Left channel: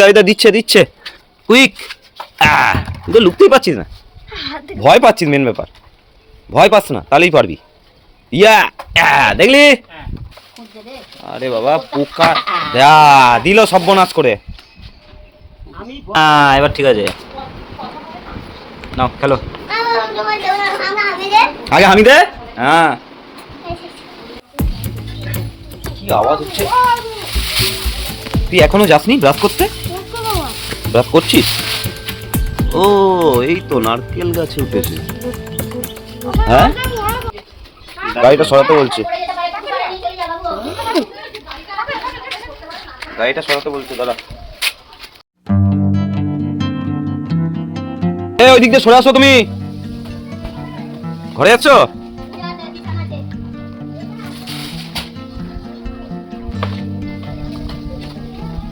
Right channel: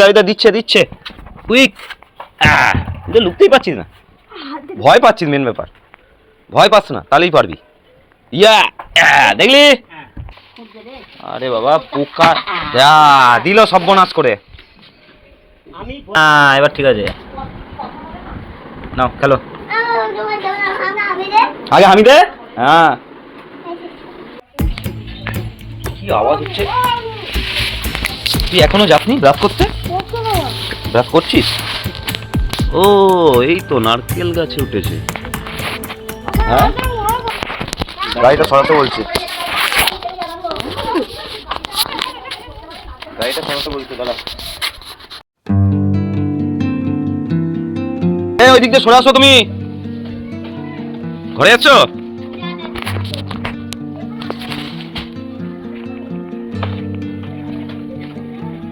দাদা দিচ্ছে দিচ্ছে কুইক। তুই তো লুকতেই পারছিস না, ভয় পাচ্ছিস, মেন ব্যাপার ভয় পাস না, তাহলেই পারবি। ইয়া দেখলি, আরে বাবা পোকা দিল সর্বনাশ করে। এবার ঠিক আছে, নাও খেলো। আগে আমি দে। হ্যাঁ কি আওয়াজ হচ্ছে? তুই এখনো যাসনি ব্রাশ করতে? ব্রাশ করছিস? ও এই তো নারকেল গাছে উঠেছে। হ্যাঁ গাড়িটা সরাতে বলছি, গাড়িটা সরাতে বলছি দাদা। এই ওই দিক দিয়ে সরে আসো, তুমি ঘরে যাচ্ছ?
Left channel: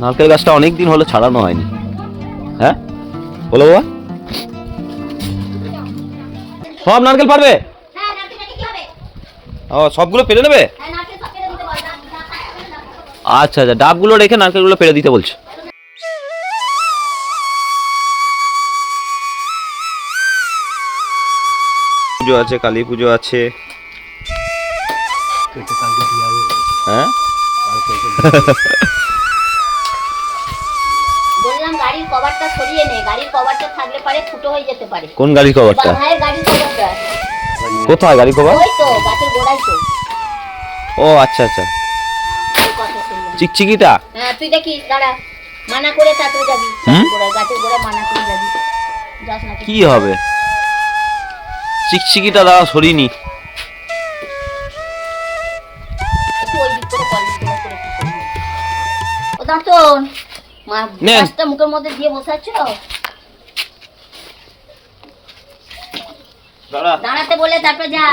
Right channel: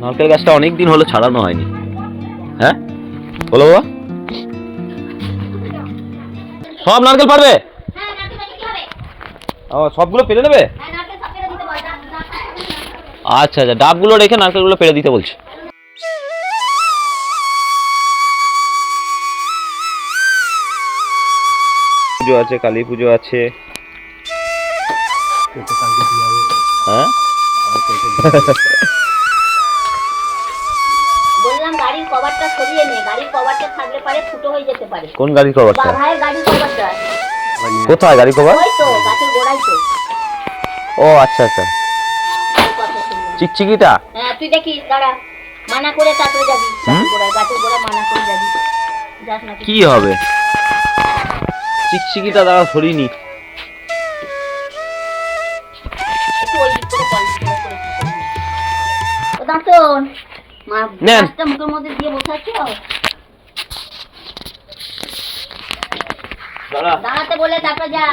নারকেল গাছটা অনেকদিন হলো ছাড়ানো হয়নি। হ্যাঁ বলো বাবা, সব নারকেল পারবে? ও সবগুলো পেরে নেবে? আচ্ছা আচ্ছা, ডাবগুলো রেখে নারকেলগুলো পেরে দিতে বলছি। পুজো আছে, কালী পুজো আছে। হ্যাঁ বললাম গাড়ির কভারটা সরিয়ে নে, গাড়ির কভারটা থাকলে পারে ফুটো হয়ে যেতে পারে। কোন গাড়ির কভারটা? বাহায়ের গাড়ির কভারটা। কোথায় গাড়ির কভার? ওই তো গাছের গোড়ায় তো। ও আচ্ছা আচ্ছা, চিকচিকিটা। হ্যাঁ তুই দেখিস, দাঁড়া, মানা করে তারপরে যাবি। গাছের গোড়া মানা করে যাবি, যাস না। কি হবে চিকচিকিটা? দাদা সরিনি। ও দাঁতন মাছটা মুখের মধ্যে দিয়ে বসে আছো। দাঁড়াতে বলে তারপরে যা।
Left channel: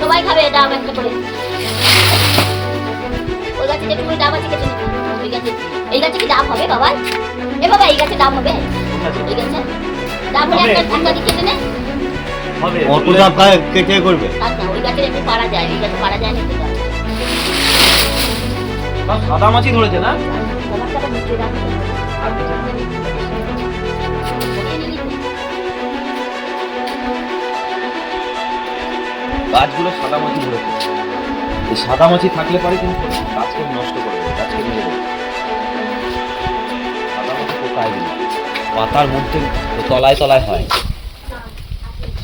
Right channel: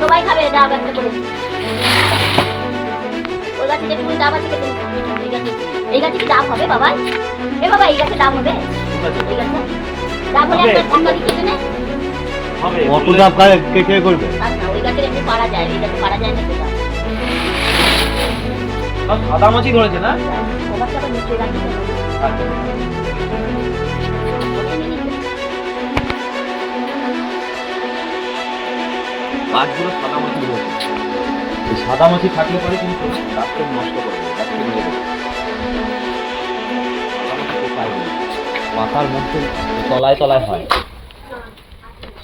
সবাই খাবে ডাব একটা করে। ওই গাছে যেটুকু ডাব আছে এই গাছে কি ডাব হবে বাবা? এ বাবা এই গাছে ডাব হবে? এই গাছে ডাব হলে একটা ঠান্ডা দিতে নেই। কত ডাব খায় কে করবে? আচ্ছা ওই গাছে একটু পারা যায়, ওই গাছে পারা যায় না তো। সাদা মাছি ধরেছে না? ওটা মুখে রাখতে হবে। গাছগুলো সাদা মাছি ধরেছে। এই সাদা মাছি থাকলে পরে কিন্তু গাছকে নষ্ট করে দেবে, গাছকে মেরে দেবে। পাতার মধ্যে তলায় তলায় হয়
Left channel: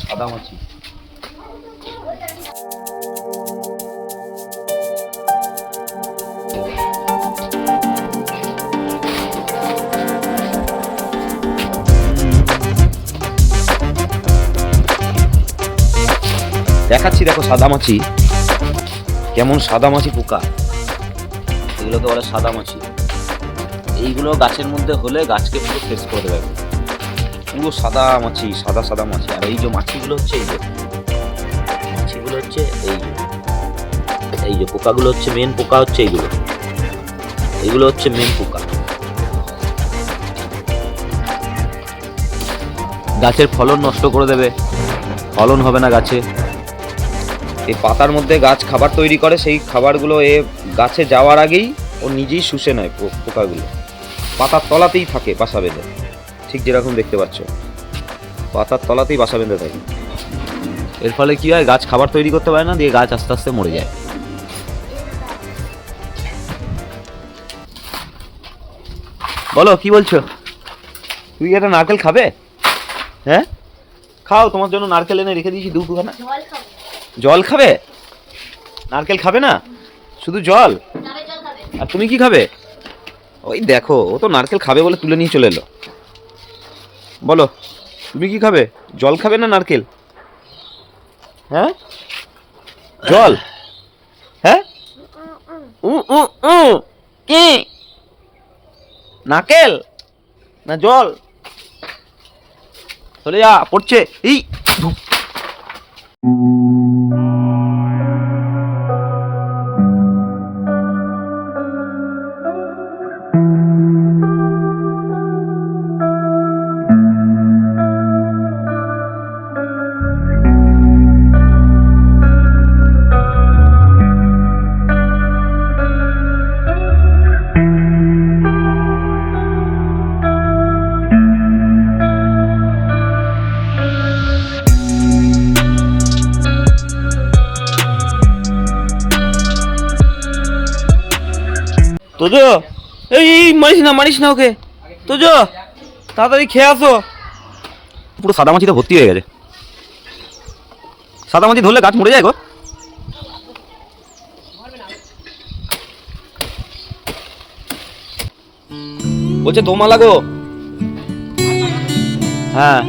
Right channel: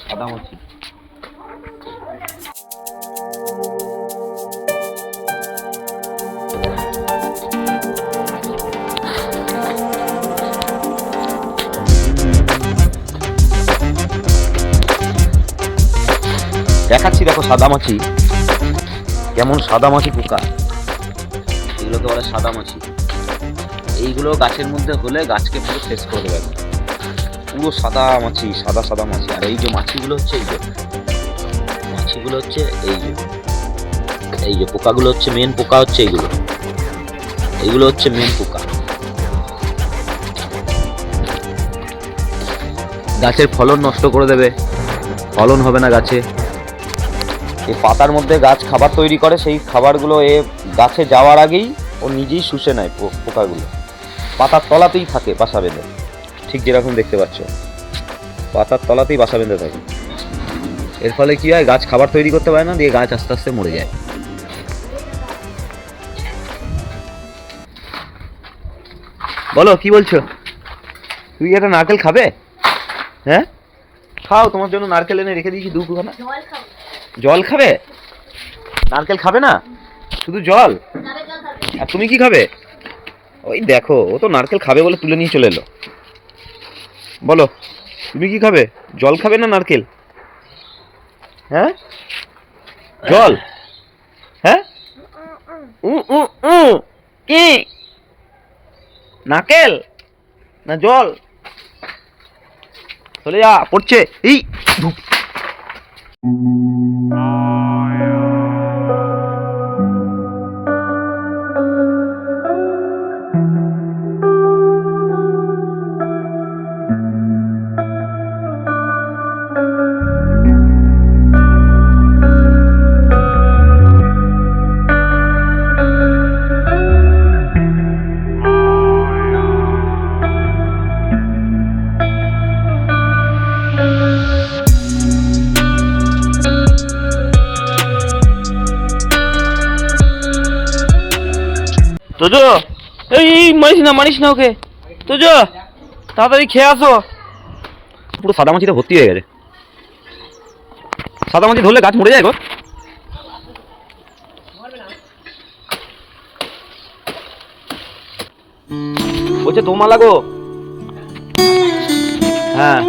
সাদা মাছি। দেখাচ্ছি দেখো সাদামাছি কেমন, সাদামাছি পোকা, এগুলোকে বলে সাদামাছি। এইগুলো গাছের মধ্যে হলে গাছকে পুরো শেষ করে দেবে, পুরো সাদা মাছি, সাদা সাদা মাছি। আর এই যে মাছিগুলো হচ্ছে, এই যে মাছিগুলো হচ্ছে এই যে পোকাগুলো হচ্ছে মেন পোকা, হচ্ছে এইগুলো হচ্ছে মেন পোকা। গাছের ফলন নষ্ট করে দেবে, ফলন হবে না গাছে। এই পাতার মধ্যে গাছ খাবার তৈরি করে, সেই খাবারগুলো গাছে যাওয়ার আগেই ও নিজেই শুষে নেয় পোকাগুলো। পাতার তলাতেই থাকে বাসা বেঁধে, ঠিক যেরকম দেখতে পাচ্ছ পাতার তলাতেই বাসা বেঁধে থাকে। এর ফলে কি হয়, গাছ খাবার তৈরি করতে পারে না, দিয়ে গাছ আস্তে আস্তে মরে যায়। বলো কি বলছো? তুই একটা নারকেল খাবে? হ্যাঁ খাও, তোমার জন্য নারকেল এনে রেখে দিয়েছি দুখানা। জল খাবে? নারকেল খাবে না, শুধু জল? আর তুমি কি খাবে? ওই দেখো, ও তো নারকেল খাবে বলে তুলে নিয়ে চলে এলো। বলো তুমি কি খাবে? জল খাবে না নারকেল? হ্যাঁ জল? হ্যাঁ কি নারকেল না জল? চলে যা, পড়ছে। এই তোজো এই মারিস না ওকে। তোজো তাড়াতাড়ি খেয়ে আসো। পুরো সাদা মাছিতে ভর্তি হয়ে গেছে। সাদা মাছি ধরলে গাছ মরে যায় গো। বলছে দোমালা গো। হ্যাঁ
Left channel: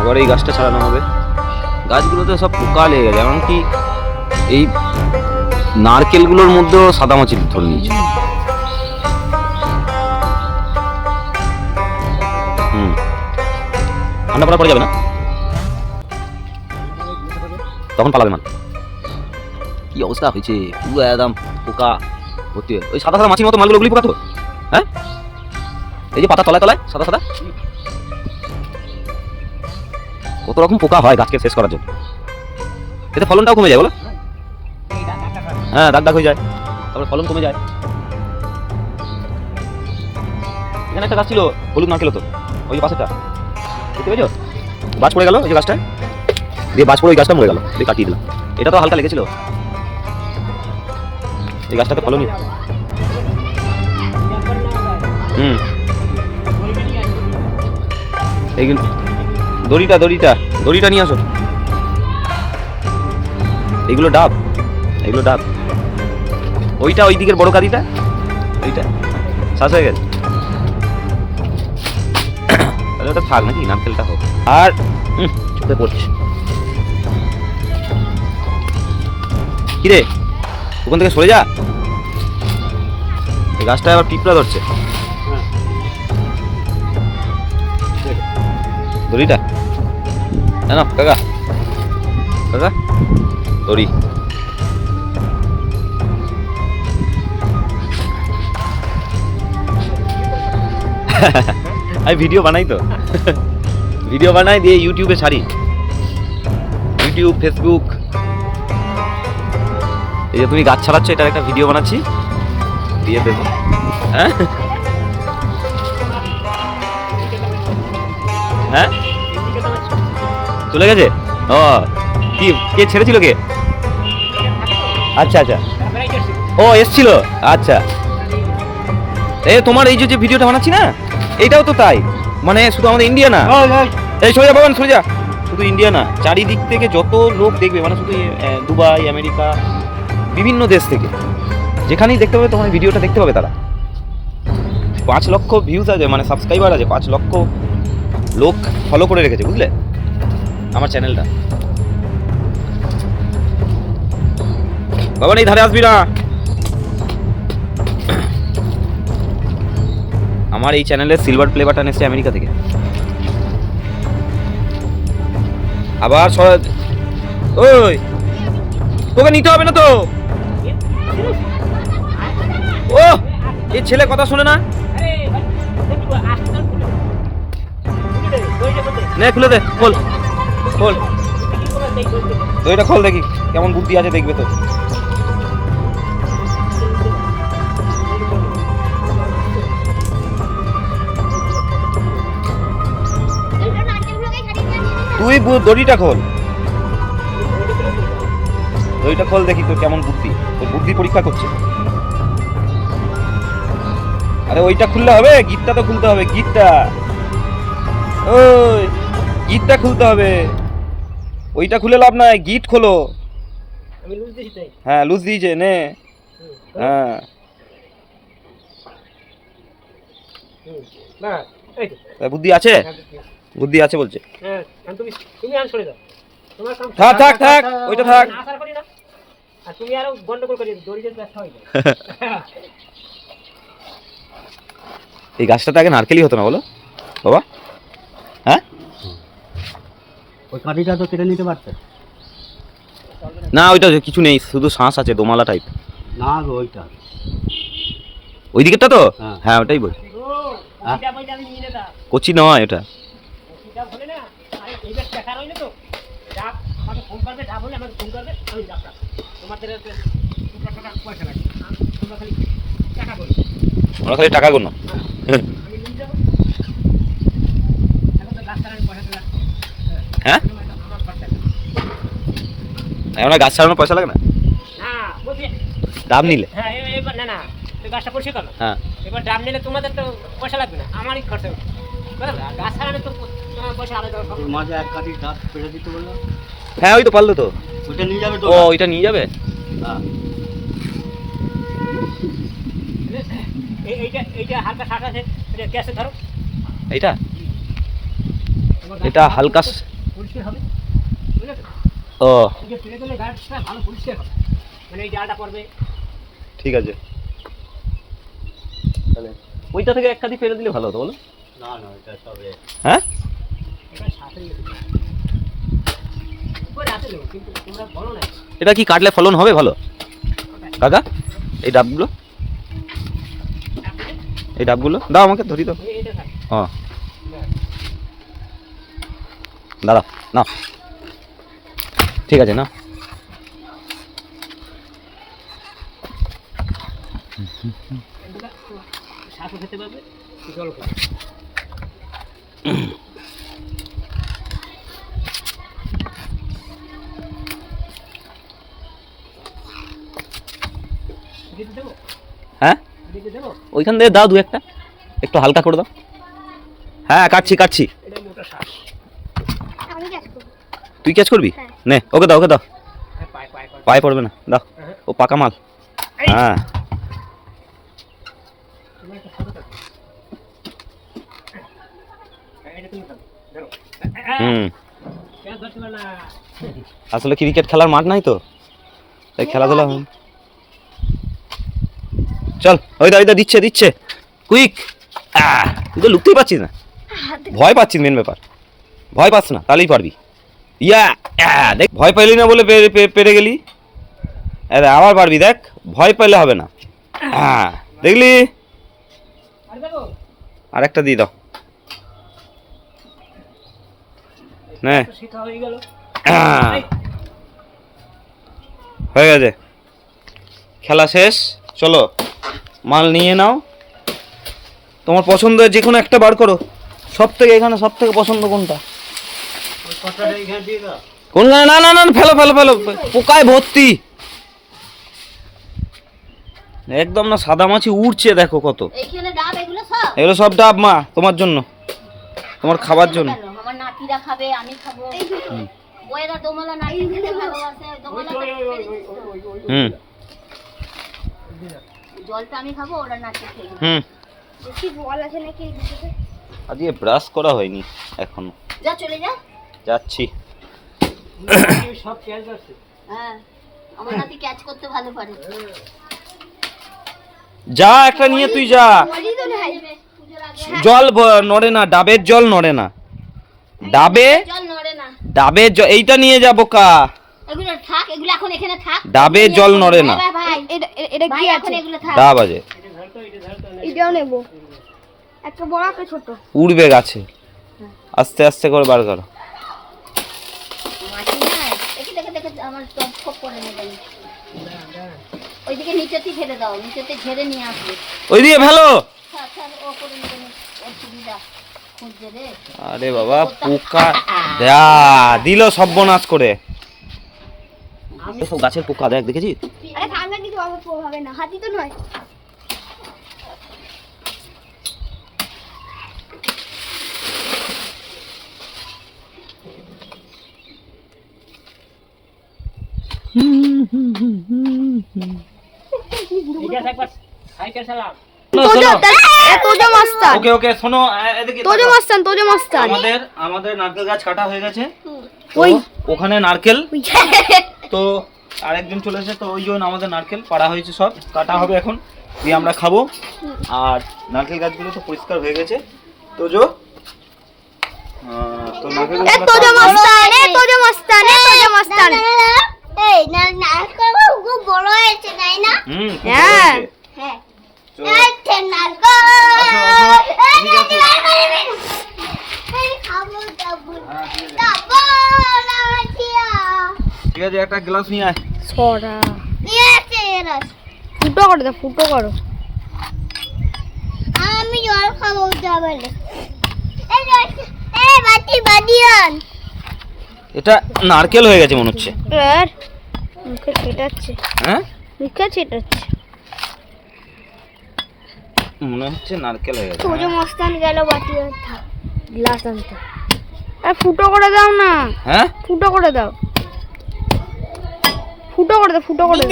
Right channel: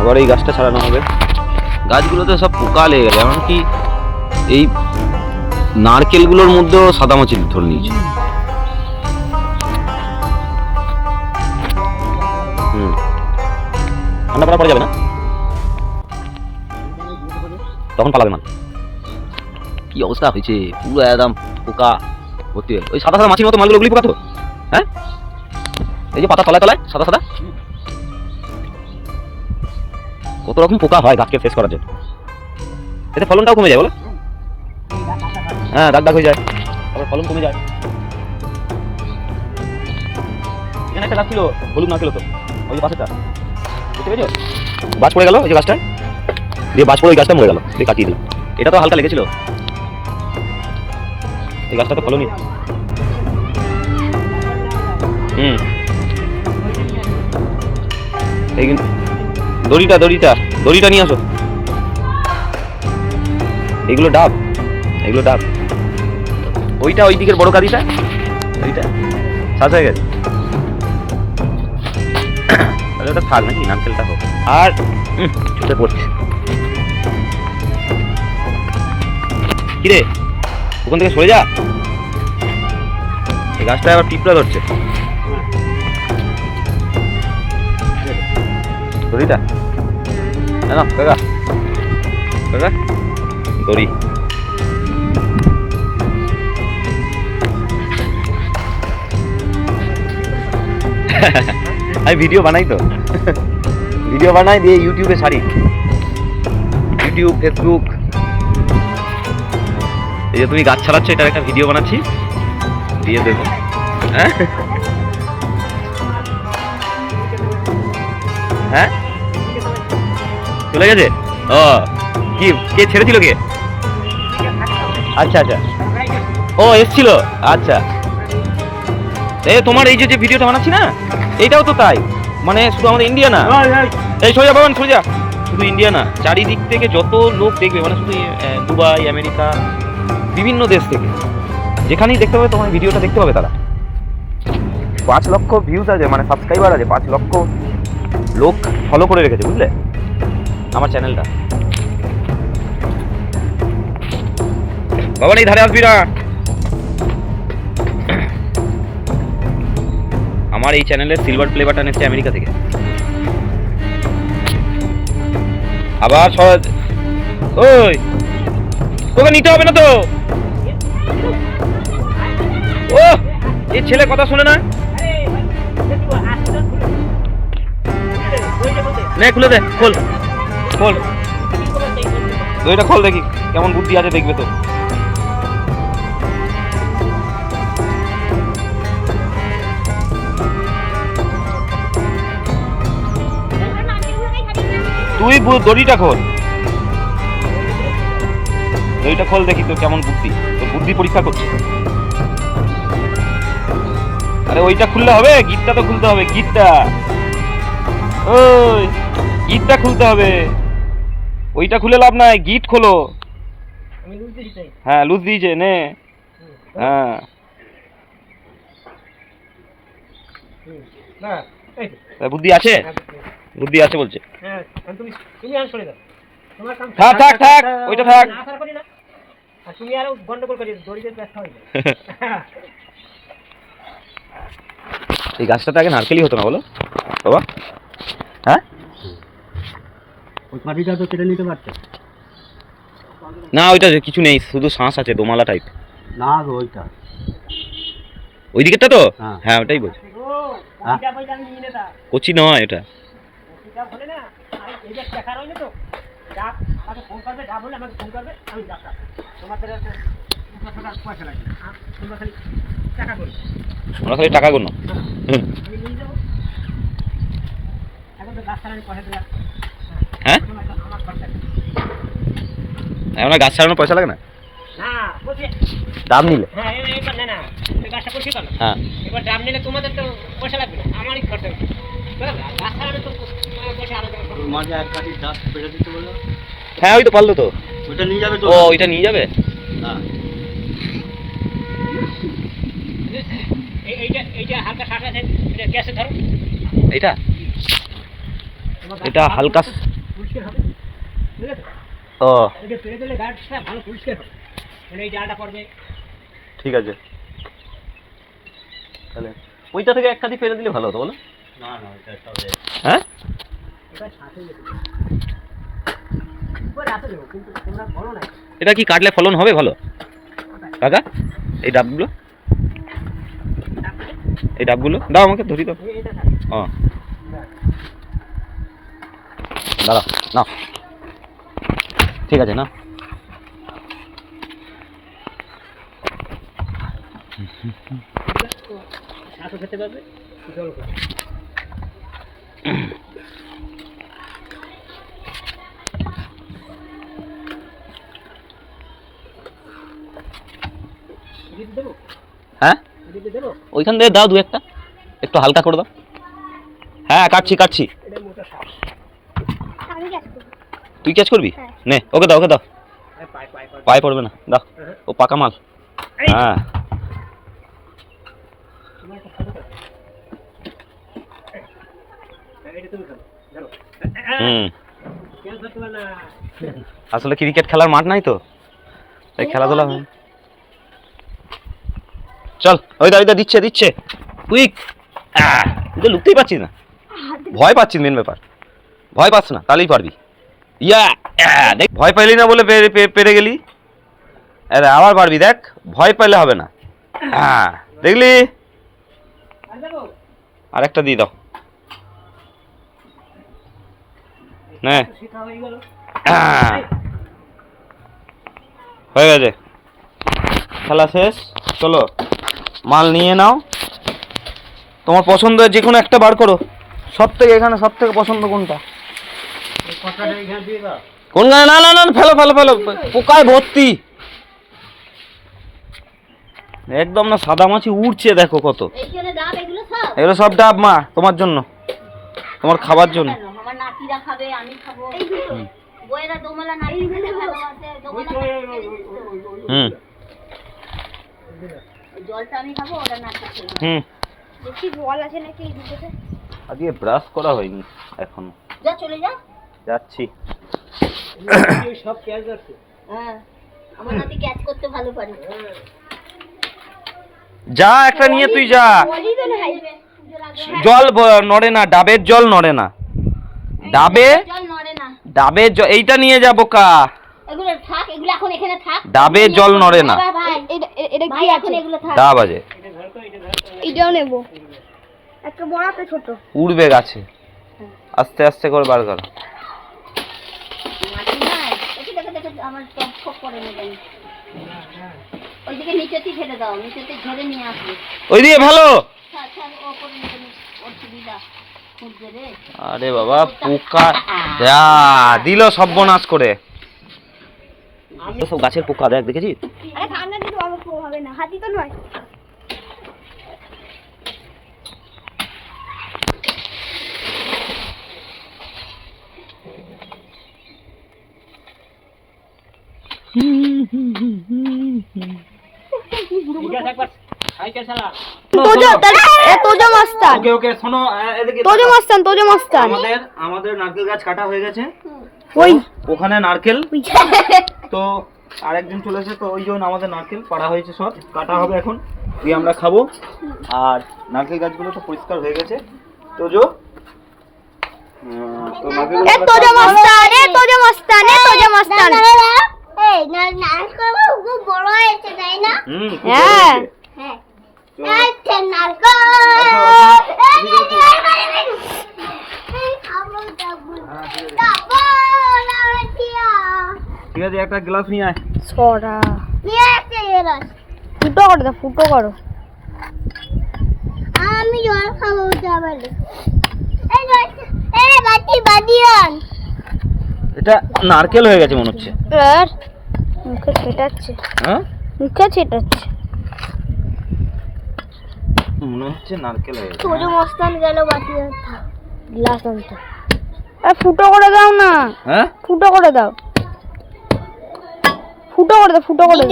আবার এই গাছটা ছাড়ানো হবে। গাছগুলোতে সব পোকা লেগে গেছে, এমনকি এই নারকেলগুলোর মধ্যেও সাদামাছি ধরে নিয়েছে। ঠান্ডা পড়া পড়ে যাবে না, তখন পালাবে মাল। কি অবস্থা হয়েছে, পুরো একদম পোকা ভর্তি হয়ে। ওই সাদা সাদা মাছির মতো মালগুলো, ওগুলি পোকা তো। হ্যাঁ এই যে পাতা তলায় তলায় সাদা সাদা, কত রকম পোকা হয় গাছকে শেষ করার জন্য। এতে ফলনটাও কমে যায় বলো। হ্যাঁ দাগ হয়ে যায়, তারপরে ফলন কমে যায়। এখানে একটা গাছ ছিল হলুদ নারকেল হতো, ওই যে পাশেরটা দেখতে পেয়েছো, গাছ পড়ে গেল ওই যে গাছটায়, দিয়ে গাছ পড়ে ওই গাছটা মরে গেল, দিয়ে কাটিয়ে দিলাম। এটা তো হালকা লেগেছিল, এই গাছটা তো ফলনই। এইগুলো দড়িটা নিয়ে আসো। এগুলো ডাব, ওইটা ওই দিকের বড় কাঁদিটা, ওইটা শ্বাস হয়ে গেছে। ওটা থাক নাকি, নারকেলটা হোক। আর ছুটে পড়ছে কিরে, ওখান থেকে সরে যা। এই গাছটা আবার পিঁপড়া ধরছে। দড়িটা না কাকা দড়ি। আমি ভিডিও বানাই তো, দিয়ে ইউটিউবে ছাড়ি, ইউটিউব, ফেসবুক। এই যে তুমি গাছ ছাড়াচ্ছ, এটার একটা ভিডিও বানাচ্ছি, দিয়ে দেবো। হ্যাঁ চলে গেছে। ও কি কে ছেড়েছিল কে? আচ্ছা ও এসছিল। আচ্ছা তোমার এই যে ভিডিওটা বানাচ্ছি না, এইটাও তো তাই, মানে শুধু আমাদের ইন্ডিয়া না, এই সোজা বাবান সোজা, শুধু ইন্ডিয়া না, চারিদিক থেকে যত লোক দেখবে, মানে শুধু দুবাই, আমেরিকা, বিভিন্ন দেশ থেকে যেখানেই দেখতে পাবে তোমার ভিডিওটা দেখতে পাবে। তারা 5 লক্ষ ভিউজ আছে, মানে সাবস্ক্রাইবার আছে, 5 লক্ষ লোক ফলো করে রেখেছে, বুঝলে আমার চ্যানেলটা। বাবা এই ধারে আসবি না, আমার এই চ্যানেলে সিলভার প্লে বাটন এসেছে আমেরিকা থেকে। আবার ওই তোকে নিতে হবে না তো। ও এই ছেলে কথা শোনে না, নে খুলে দে, খোল দইটা খোল, দেখি কেমন বুদ্ধি আছে, দেখবে তো। তুই দড়িটা খোল, দেখি তোর কেমন বুদ্ধি, তোর বুদ্ধি পরীক্ষা করছে। আরে ওইটা খুললে হবে, গিটটা তো খুলতে হবে, গিটটা খুলতে হবে, ওইটা খুলে লাভ নাই, গিট খোলো। হ্যাঁ লুজ দিয়েছে, নে। হ্যাঁ বুদ্ধি আছে বলছে। থাক ওইটা থাক। এই গাছটাতে আগে নারকেলই হতো না বলো বাবা। হ্যাঁ ওই কাঠিটা তো কেটে নিতে পারছে না, ওইটা কিছু নেই, শুধু শ্বাস আছে, দোমালা টাইপ। না গো ওইটা ওই দিকেরটা তো, হ্যাঁ ওটাই বলছি, কচি নয় এটা। ডাব আমাকে ফোন করবে, ডাব হলে আমাকে ফোন করবে, আমি ডাক্তার। তোমাদের পয়সা লাগবে, তোমরা খালি টাকা করো। আমরা খালি টাকা গুনো। আমি নিয়ে যাবো। এখন তো ডাক্তার আমি পয়সা দিলাম। হ্যাঁ আমার খরচা নেই। এখন গাছ ছাড়ানোর পয়সা লাগে না না বলছি, দাম নিলে? হ্যাঁ এবার না না এই গাছটা করছি কেন? হ্যাঁ এবার ডাব নিলে তোমাদের তো পয়সা লাগবে না, আমারই খরচা হবে। গাছ ছাড়াবে তো পয়সা আলাদা হবে। মাঝে এক কাঠির ডাব পেড়ে দিতে বললো। হ্যাঁ ওই তো পারলো তো। ওইটা নিয়ে যাবে তো? ও ওইটা নিয়ে যাবে। হ্যাঁ এইটা হালকা শাঁস আছে, এটা গ্যাসে ধরো। এইটা এটা হালকা পরিষ্কার হবে, বুঝলে তো? ও এটা পেরে দিলে গাছটা ভালো পরিষ্কার হবে, মানে এই ডালটা পড়বে। ঠিক আছে, তাহলে ওইটা থেকে এক কাঠি ফেলে দিলে ভালো হতো বলো? না না এটা তবে হ্যাঁ এটা সাথে উপরে আছে দেবো, কিন্তু তোমরা বলো না। এটা কি কাটলে ফলন হবে ভালো কাকা? এই ডাবগুলো, এই ডাবগুলো দাও আমাকে, ধরি দাও। এটা থাকে ও দাদা না, ঠিক আছে না। শাঁসও খেতে পারবে, জল খাবে। দিতে দেবো, হ্যাঁ দিতে দেবো। ওইখান থেকে দাও দু একটা, একটু হালকা করে দাও। হ্যাঁ কাটছি কাটছি। এটা মোটা শাঁস। আমি ক্যাচ করব। তুই ক্যাচ করবি? হ্যাঁ। নে ওকে দাও, ওকে দাও। হ্যাঁ পায়ে পায়ে পায়ে। পায়ে পড়বে না, দাও। হ্যাঁ। ও পাকা মাল। হ্যাঁ তুমি একটা ফটো দাও। এটা তুমি খাও, ধরো। হুম কেউ ধরতে পারে না। আসলে ক্রিকেট খেলার মাঠ নাই তো, তাই খেলাধুলা হয়। চল ওই দা দিচ্ছে দিচ্ছে কুইক। তুই তো লুকতেই পারছিস না, ভয় পাচ্ছিস মেন ব্যাপার। ভয় পাস না, তাহলেই পারবি। ইয়া দেখ, ভয় পাইলি না বলে পেরে গেলি। আরে আবার পারবি, দেখ ভয় পাইলে হবে না। দেখলি? আর দেখো আর একটা দিয়ে দাও। নে শেখা হয়ে গেল। হয়ে গেছে, খেলা শেষ। চলো মাল নিয়ে নাও, তোমার পছন্দের যে কোনো একটা বার করো। সব থেকে এখানে সব থেকে পছন্দ কোনটা? ওই কটাটা এখানে দিয়ে দাও। কোন গানে? না না না ফেলো ফেলো ফেলো, পোকায় ভর্তি একদম। না সাদা মাছি উড়ছে দেখো কত। এইখানে ডাব এগুলো সব? এগুলো সব ডাব মা, তোমার জন্য, তোমার খাবার জন্য। কেন? আমার নাতিরা খাবে, আমি খাবো। বয়েরা দোমালা নাতি খেতে ভালোবাসে, দোমালা হুম জলটা আমি খাবো, ওরা নাতি খেয়ে হুম। দেখি বল আছে নাকি এই দুটোতে। আজকে ব্রাশ করা হয়নি এখনো, যা চলে যা। যাচ্ছি। সব ক্যাচ আছে। হ্যাঁ আমার নাতি ক্যাচ করতে ভালো পারে। যা একটা নিয়ে তুই যা। বলি তো নাই জল নড়ে না, ডাবের জল নড়ে না। ডাবে জল নড়ে না। ডাবের জল এইটা নিয়ে যাব কা। এগুলো থাক, এগুলো এখন এখানে থাক। ডাবের জল নড়ে না। ভাই এটা কি এখন এগুলো থাক। ডাব আছে, এটাও নেব। একটা বড় একটা ছোট। উড়বে গাছে, আস্তে আস্তে করে বার কর। মাটি নাই। দেখে দেখে দেখে আমার টপ ফপ করে নেবেন। ওইদিকে নিচেতে ফেলে দাও, নিচেতে ঝেড়ে নিয়ে আসবে। ওইদিকে ফেলো। আচ্ছা ও করে নেবেন। ওর সুবিধা খুঁজছে রে। আরে বাবা পোকা দিল সর্বনাশ করে। সব গাছের পোকা দেখ, দেখেছিস? আরে সামনে কিছু হবে না, হাতি তো নয়। এটা একবার সাইকেল চালা। তোজো মাস্তান, ওকে ওকে শোনো, এদিকে তোজো মাস্তান, তোজো মাস্তান। আমাদের নারকেল গাছ কাটা হয়ে গেছে। ওই ওখানে নারকেল তো আরেকজন চলে এসেছে, তো ওই জন্য আমাদের নারকেল পাড়া হয়েছে, সব কাটা হবে এখন, দিয়ে আমরা খাবো। আর নারকেল গাছগুলো তো পরিষ্কার হয়ে গেছে। তো তো নারকেলগুলো তোজো মাস্তান, তোজো মাস্তান, তোজো মাস্তান। এই না নারকেল খুব বড় হয়েছে তাই না? খুব হ্যাঁ। ভালো হয়েছে। হ্যাঁ। তো আচ্ছা নারকেল। ঠিক আছে। এই খাবো দাবো। দাবো নাকি ঠিক আছে একটা গ্লাস নিয়ে আয়। সরা নিয়ে আসছে এরা। ফুটো করো দাও, ফুটো করো। আমি জল খাবো যাবালে। এই বাটি বাটি আন। এটা নারকেল হয়ে গেছে মনে হচ্ছে। আর মুখে ছেটাচ্ছে, হ্যাঁ মুখে ছেটাচ্ছে। মনে হচ্ছে নারকেল হয়ে গেছে। তোজো মস্তান গেল বাটি আর থাক গ্লাস আনতে। আরে ফুটো করে দাও না, হ্যাঁ ফুটো করে দাও, ফুটো করে দাও, ফুটো করে দাও,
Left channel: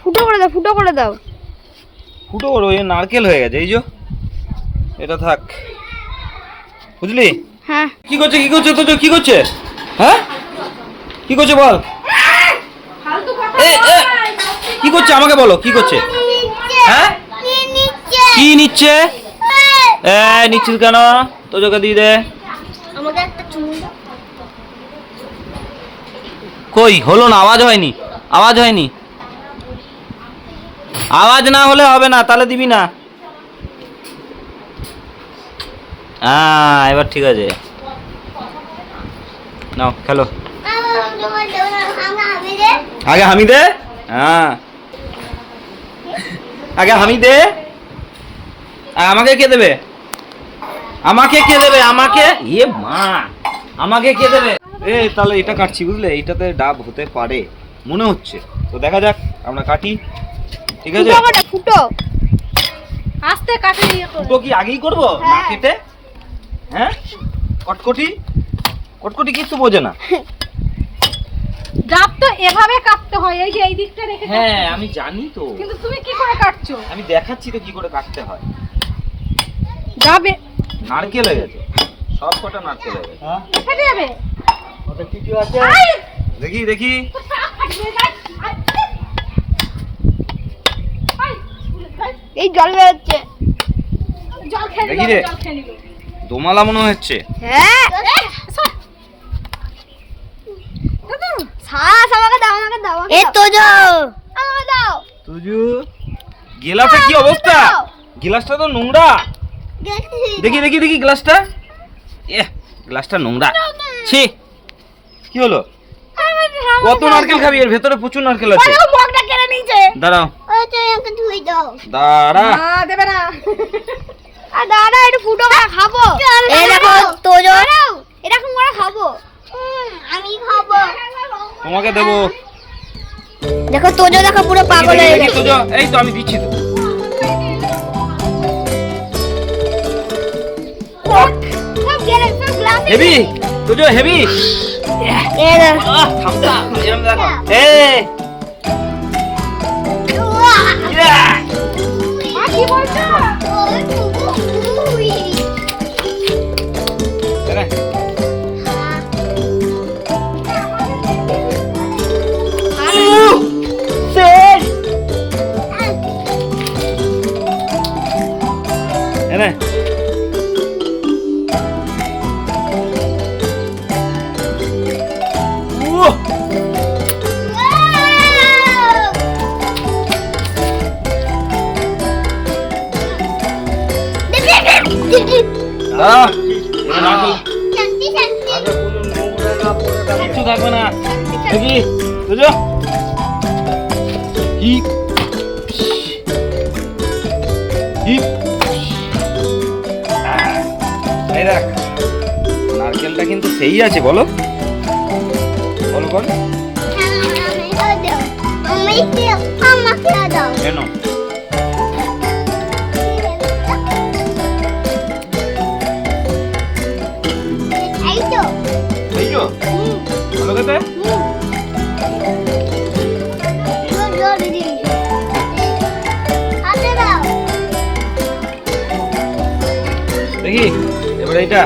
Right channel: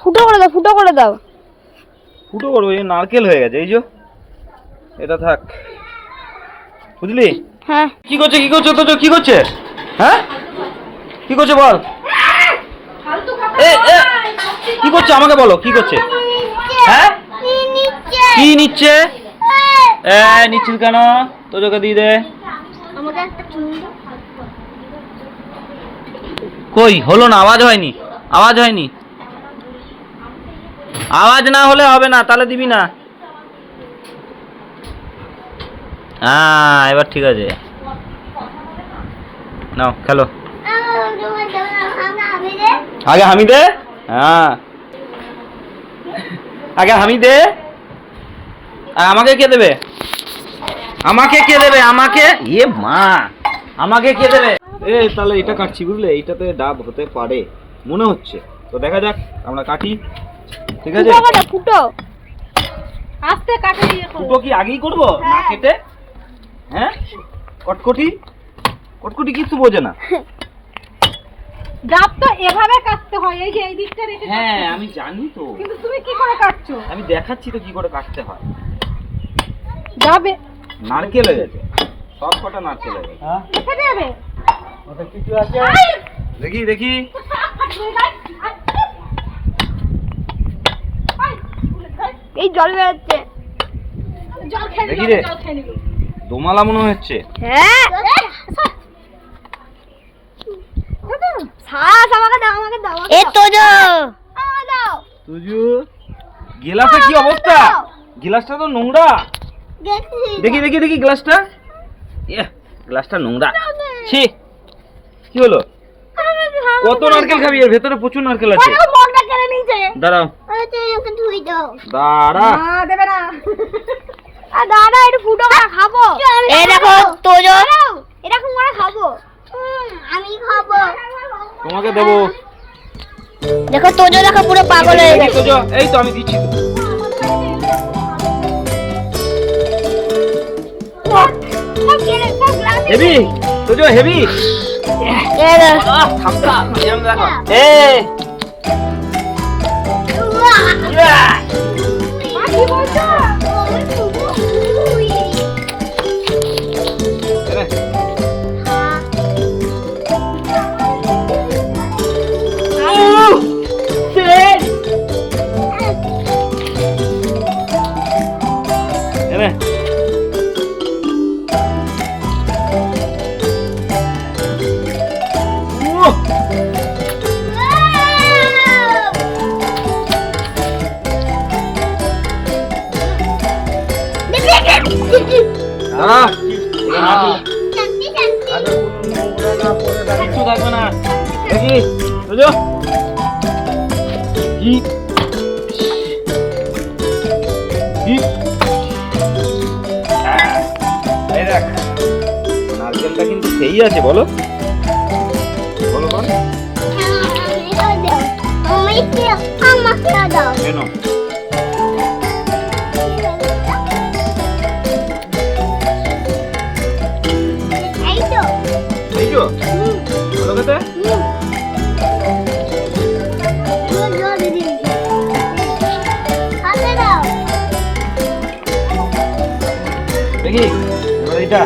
ফুটো করে দাও, ফুটো করে দাও। ফুটো করো, এই নারকেল হয়ে গেছে। এই যে এটা থাক, বুঝলি? হ্যাঁ কি করছে তো কি করছে? হ্যাঁ কি করছে বল? এ কি করছে আমাকে বলো, কি করছে? হ্যাঁ কি নিচ্ছে? নিচ্ছিস কেন? তোজোকে দিয়ে দে। আমাকে একটা চুমু দাও। কই হলো না, আওয়াজ হয়নি, আওয়াজ হয়নি। আওয়াজ না হলে হবে না, তাহলে দিবি না। হ্যাঁ এবার ঠিক আছে, নাও খেলো। আগে হামি দে। হ্যাঁ আগে হামি দে। আর আমাকে কে দেবে? আমাকে কে দেবে? আমাকে ইয়ে মা, আমাকে কে দেবে? তাহলে এটা কাটছি, বুঝলে? এইটাতে ডাব হতে পারে মনে হচ্ছে, তো দেখা যাক, আমরা কাটি। ঠিক আছে, ফুটো করে ফুটো। আস্তে কাটে ফুটো কি আগেই করবো না কেটে? হ্যাঁ কটকটি কটকটি কিছু বোঝে না। ডাব তো এভাবে কাটতে হয়, এই যে এই দিকটা রেখে। হ্যাঁ আমি জানি তো, কিন্তু তুমি কি করে কাটছো? আমি দেখাচ্ছি তো কি করে কাটতে হয়। ডাবে নারকেল হয়ে গেছে, সব কটা নারকেল হয়ে গেছে। ফেটে যাবে। ওটা কিছু আছে, দেখি দেখি। এই জল বেরোচ্ছে। জল খেয়ে দেখি নিল, রে। জল খেয়ে নিল। দোমালা মনে হচ্ছে। হ্যাঁ শ্বাস আমাকে দাও, আমাকে দাও। এ তোজো আমাকে দাও। তুজু গিলাসে কি অবস্থা? গিলাসটা তো নোংরা। দেখি দেখি দেখি গ্লাসটা। গ্লাসটা নোংরা। ছি, কি হলো? কত নারকেল খাবি? এর ভেতরে প্রচুর নারকেল আছে। বকটা কেড়ে নিয়েছে। দাঁড়াও আমাকে ধুই দাও। দাঁড়া। না দেবে না। আর দাদা একটু ফুটো করে খাবো। এই দেখো তোজো, এরকম করে খাবো। আমি খাবো। তোমাকে দেবো। দেখো তোজো, দেখো পুরো পাগল হয়ে দেখি, গেছে। তুজো, এই তো আমি দিচ্ছি তো। হেভি তুজো, হেভি। এই দেখো থামটা এরকম দেখো। কি বলছো? এনে কিছু থাকবে না। দেখি বুঝো কি এই দেখ, নারকেলটা কিন্তু সেই আছে, বলো বলো বলো কেন? এই তো বলো কথা। দেখি এবার এইটা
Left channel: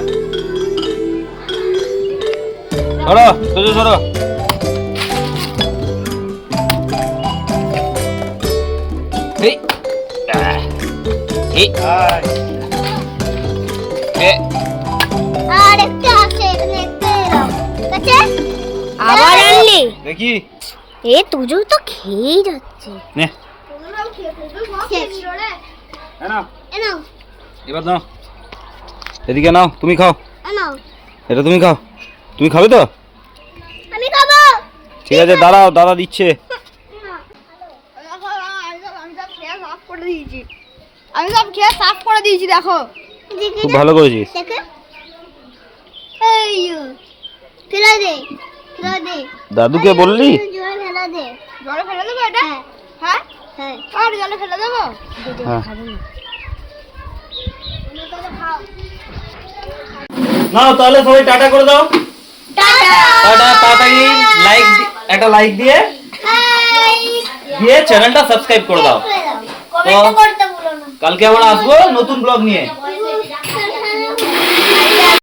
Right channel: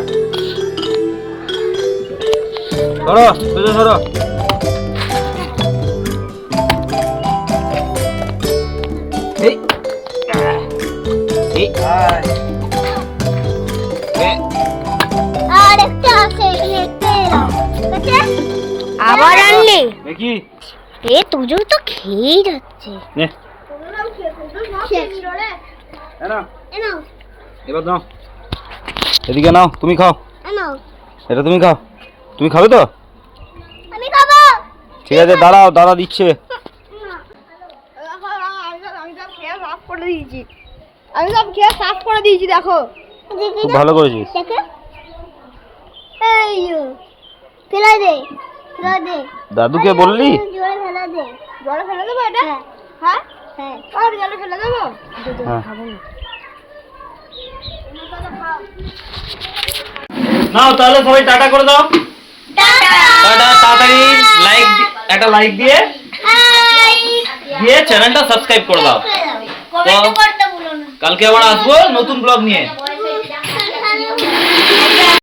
ধরো, ধরো ধরো। এই এই আবার আনলি? দেখি এ তোজো তো খেয়েই যাচ্ছে। নে নাও, এবার নাও, এদিকে নাও, তুমি খাও। এটা তুমি খাও, তুমি খাবে তো? আমি খাবো। ঠিক আছে দাঁড়াও, দাদা দিচ্ছে। আমি সব খেয়ে সাফ করে দিয়েছি, আমি সব খেয়ে সাফ করে দিয়েছি, দেখো খুব ভালো করেছিস। দেখো এই ফেলে দে, ফেলে দে। দাদুকে বললি? জলে ফেলে দে। জলে ফেলে দেবো এটা? হ্যাঁ হ্যাঁ, আর জলে ফেলে দেবো? হ্যাঁ। খাবো না। নাও তাহলে সবাই টাটা করে দাও। টাটা। টাটা, তাড়াতাড়ি একটা লাইক দিয়ে চ্যানেলটা সাবস্ক্রাইব করে দাও। কমেন্ট করতে ভুলো না। কালকে আবার আসবো নতুন ব্লগ নিয়ে।